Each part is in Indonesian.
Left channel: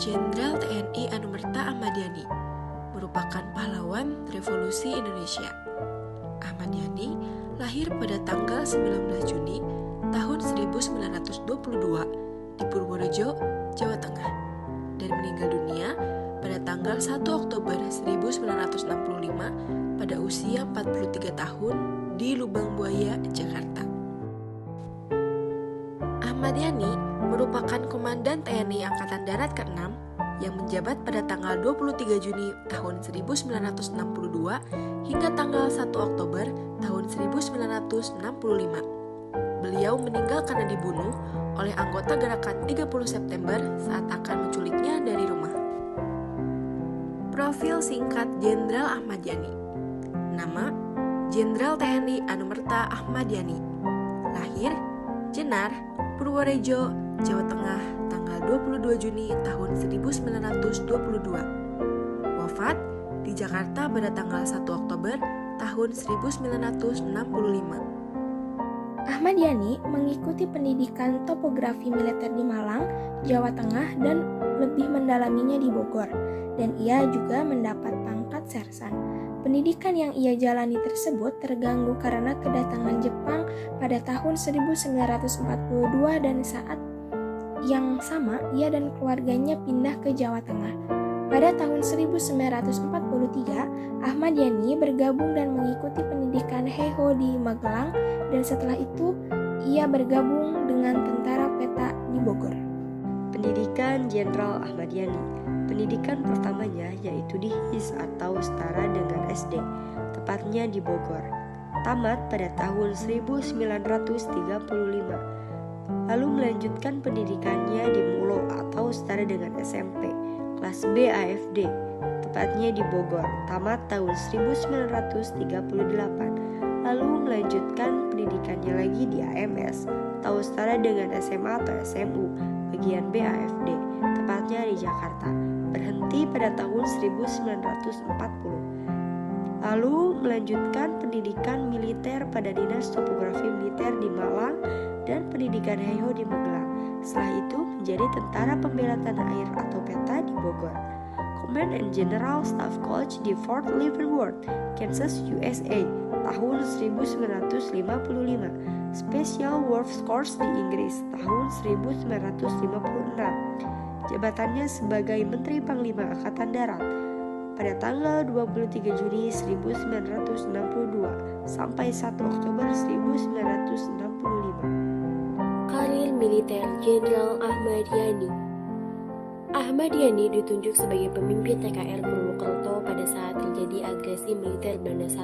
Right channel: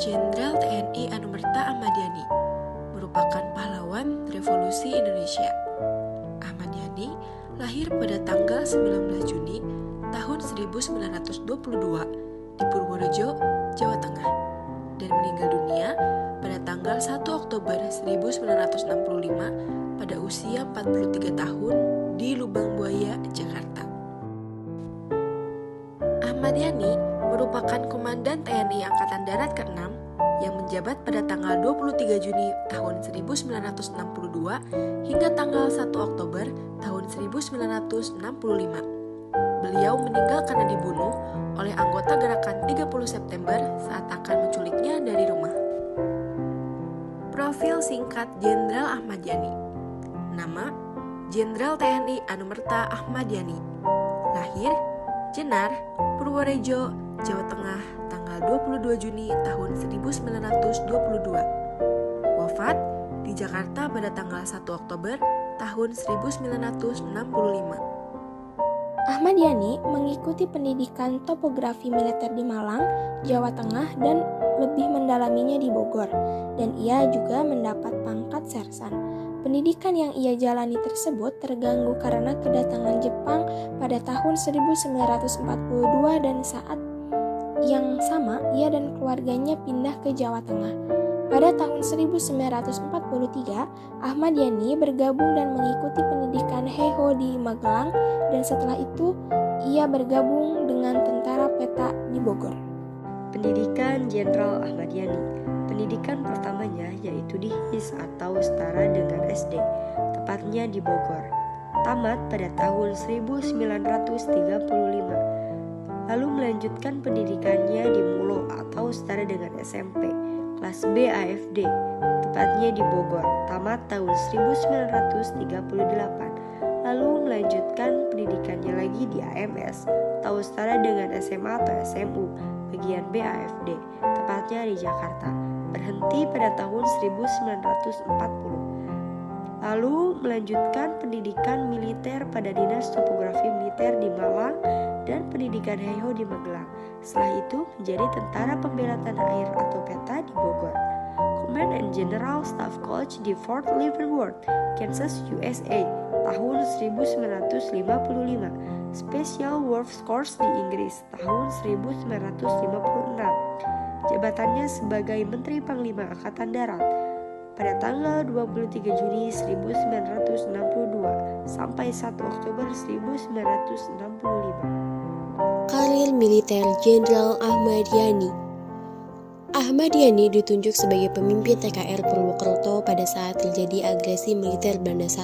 Jenderal TNI Anumerta Ahmad Yani merupakan pahlawan revolusi Indonesia. Ahmad Yani lahir pada tanggal 19 Juni tahun 1922 di Purworejo, Jawa Tengah, dan meninggal dunia pada tanggal 1 Oktober 1965 pada usia 43 tahun di Lubang Buaya, Jakarta. Ahmad Yani merupakan Komandan TNI Angkatan Darat ke-6 yang menjabat pada tanggal 23 Juni tahun 1962 hingga tanggal 1 Oktober tahun 1965. Beliau meninggal karena dibunuh oleh anggota gerakan 30 September saat akan menculiknya dari rumah. Profil singkat Jenderal Ahmad Yani. Nama: Jenderal TNI Anumerta Ahmad Yani. Lahir: Jenar, Purworejo, Jawa Tengah, tanggal 22 Juni tahun 1922. Wafat di Jakarta pada tanggal 1 Oktober tahun 1965. Ahmad Yani mengikuti pendidikan topografi militer di Malang, Jawa Tengah, dan lebih mendalaminya di Bogor, dan ia juga mendapat pangkat sersan. Pendidikan yang ia jalani tersebut terganggu karena kedatangan Jepang pada tahun 1942 dan saat yang sama ia dan keluarganya pindah ke Jawa Tengah. Pada tahun 1943, Ahmad Yani bergabung dan mengikuti pendidikan Heiho di Magelang, dan setelah itu ia bergabung dengan Tentara Peta di Bogor. Pendidikan Jenderal Ahmad Yani. Pendidikan pertamanya yaitu di HIS atau setara dengan SD, tepatnya di Bogor. Tamat pada tahun 1935. Lalu melanjutkan pendidikannya di Mulo atau setara dengan SMP, kelas B AFD, tepatnya di Bogor. Tamat tahun 1938. Lalu melanjutkan pendidikannya lagi di AMS atau setara dengan SMA atau SMU, bagian B AFD, tepatnya di Jakarta. Berhenti pada tahun 1940. Lalu melanjutkan pendidikan militer pada Dinas Topografi Militer di Malang dan pendidikan Heiho di Magelang. Setelah itu menjadi Tentara Pembela Tanah Air atau PETA di Bogor. Command and General Staff College di Fort Leavenworth, Kansas, USA, tahun 1955. Special Works Course di Inggris, tahun 1956. Jabatannya sebagai Menteri Panglima Angkatan Darat pada tanggal 23 Juni 1962 sampai 1 Oktober 1965. Karir militer Jenderal Ahmad Yani. Ahmad Yani ditunjuk sebagai pemimpin TKR Purwokerto pada saat terjadi agresi militer Belanda I.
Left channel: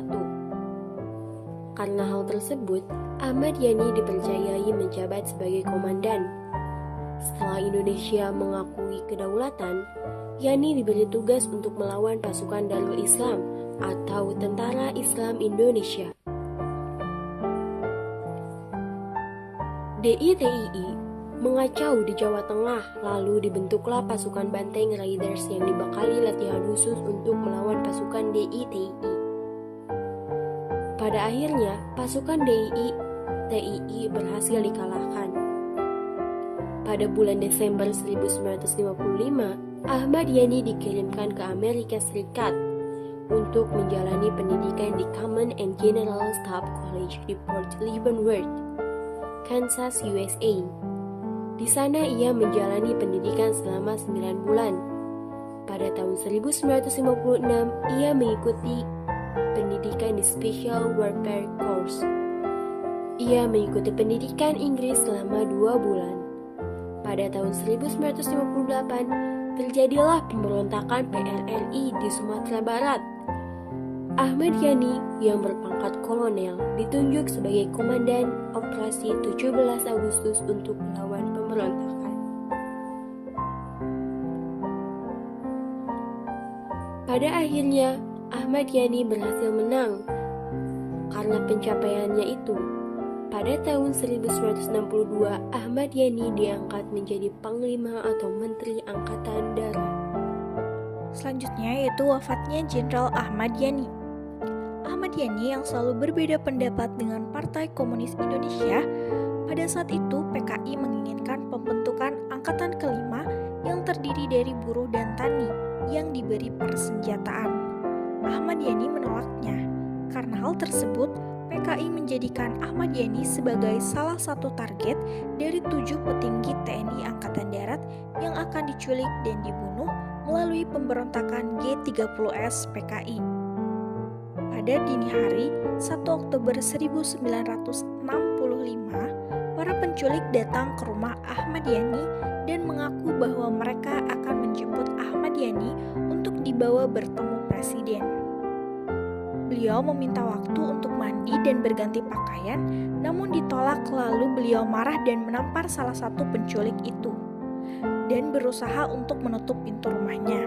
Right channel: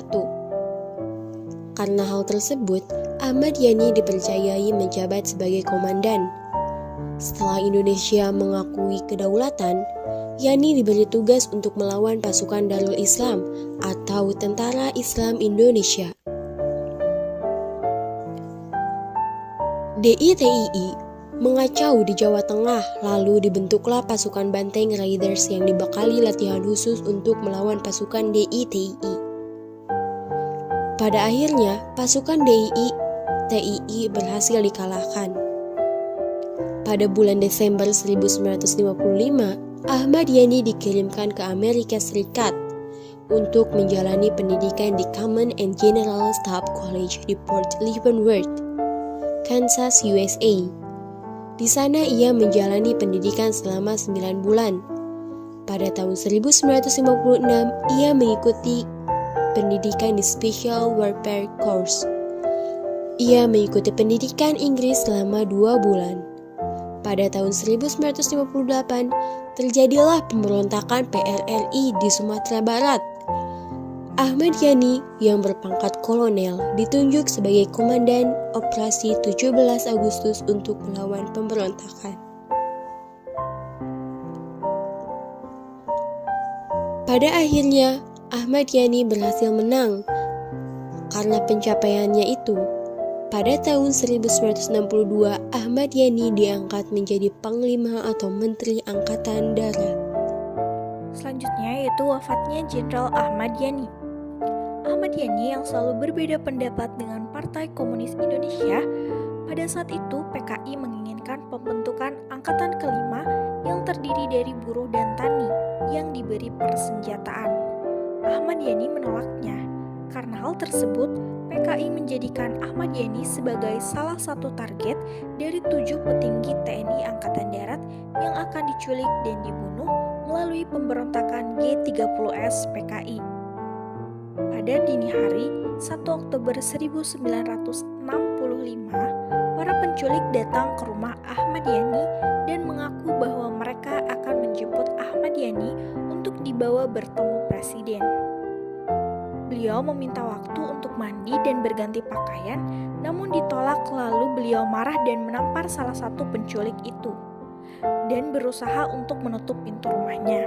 Karena hal tersebut, Ahmad Yani dipercayai menjabat sebagai komandan. Setelah Indonesia mengakui kedaulatan, Yani diberi tugas untuk melawan pasukan Darul Islam atau Tentara Islam Indonesia. DITII mengacau di Jawa Tengah, lalu dibentuklah pasukan Banteng Riders yang dibekali latihan khusus untuk melawan pasukan DITII. Pada akhirnya, pasukan DITII berhasil dikalahkan. Pada bulan Desember 1955, Ahmad Yani dikirimkan ke Amerika Serikat untuk menjalani pendidikan di Command and General Staff College di Fort Leavenworth, Kansas, USA. Di sana ia menjalani pendidikan selama 9 bulan. Pada tahun 1956, ia mengikuti pendidikan di Special Warfare Course. Ia mengikuti pendidikan Inggris selama 2 bulan. Pada tahun 1958, terjadilah pemberontakan PRRI di Sumatera Barat. Ahmad Yani yang berpangkat kolonel ditunjuk sebagai komandan operasi 17 Agustus untuk melawan pemberontakan. Pada akhirnya, Ahmad Yani berhasil menang. Karena pencapaiannya itu, pada tahun 1962, Ahmad Yani diangkat menjadi Panglima atau Menteri Angkatan Darat. Selanjutnya yaitu wafatnya Jenderal Ahmad Yani. Ahmad Yani yang selalu berbeda pendapat dengan Partai Komunis Indonesia, pada saat itu PKI menginginkan pembentukan Angkatan Kelima yang terdiri terdiri dari buruh dan tani yang diberi persenjataan. Ahmad Yani menolaknya. Karena hal tersebut, PKI menjadikan Ahmad Yani sebagai salah satu target dari 7 petinggi TNI Angkatan Darat yang akan diculik dan dibunuh melalui pemberontakan G30S PKI. Pada dini hari, 1 Oktober 1965, para penculik datang ke rumah Ahmad Yani dan mengaku bahwa mereka akan menjemput Ahmad Yani untuk dibawa bertemu presiden. Beliau meminta waktu untuk mandi dan berganti pakaian, namun ditolak, lalu beliau marah dan menampar salah satu penculik itu dan berusaha untuk menutup pintu rumahnya.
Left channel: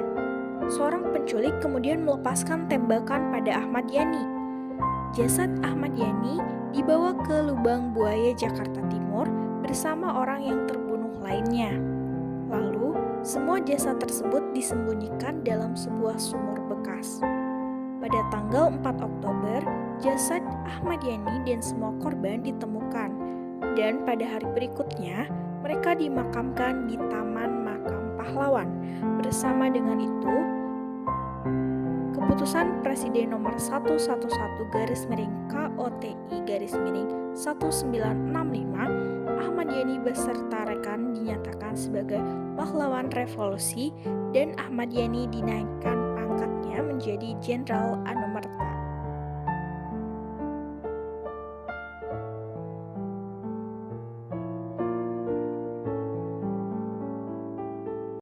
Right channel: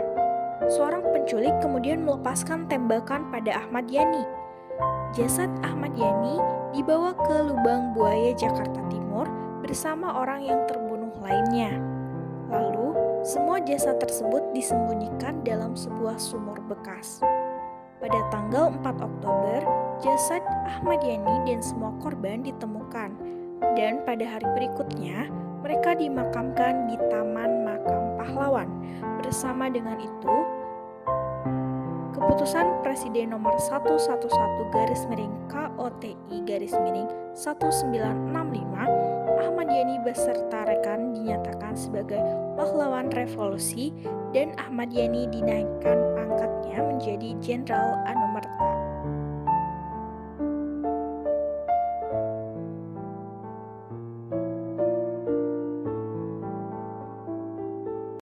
Seorang penculik kemudian melepaskan tembakan pada Ahmad Yani. Jasad Ahmad Yani dibawa ke Lubang Buaya, Jakarta Timur bersama orang yang terbunuh lainnya. Lalu, semua jasad tersebut disembunyikan dalam sebuah sumur bekas. Pada tanggal 4 Oktober, jasad Ahmad Yani dan semua korban ditemukan, dan pada hari berikutnya, mereka dimakamkan di Taman Makam Pahlawan. Bersama dengan itu, keputusan Presiden nomor 111-KOTI-1965, Ahmad Yani beserta rekan dinyatakan sebagai pahlawan revolusi dan Ahmad Yani dinaikkan pangkatnya menjadi Jenderal Anumerta.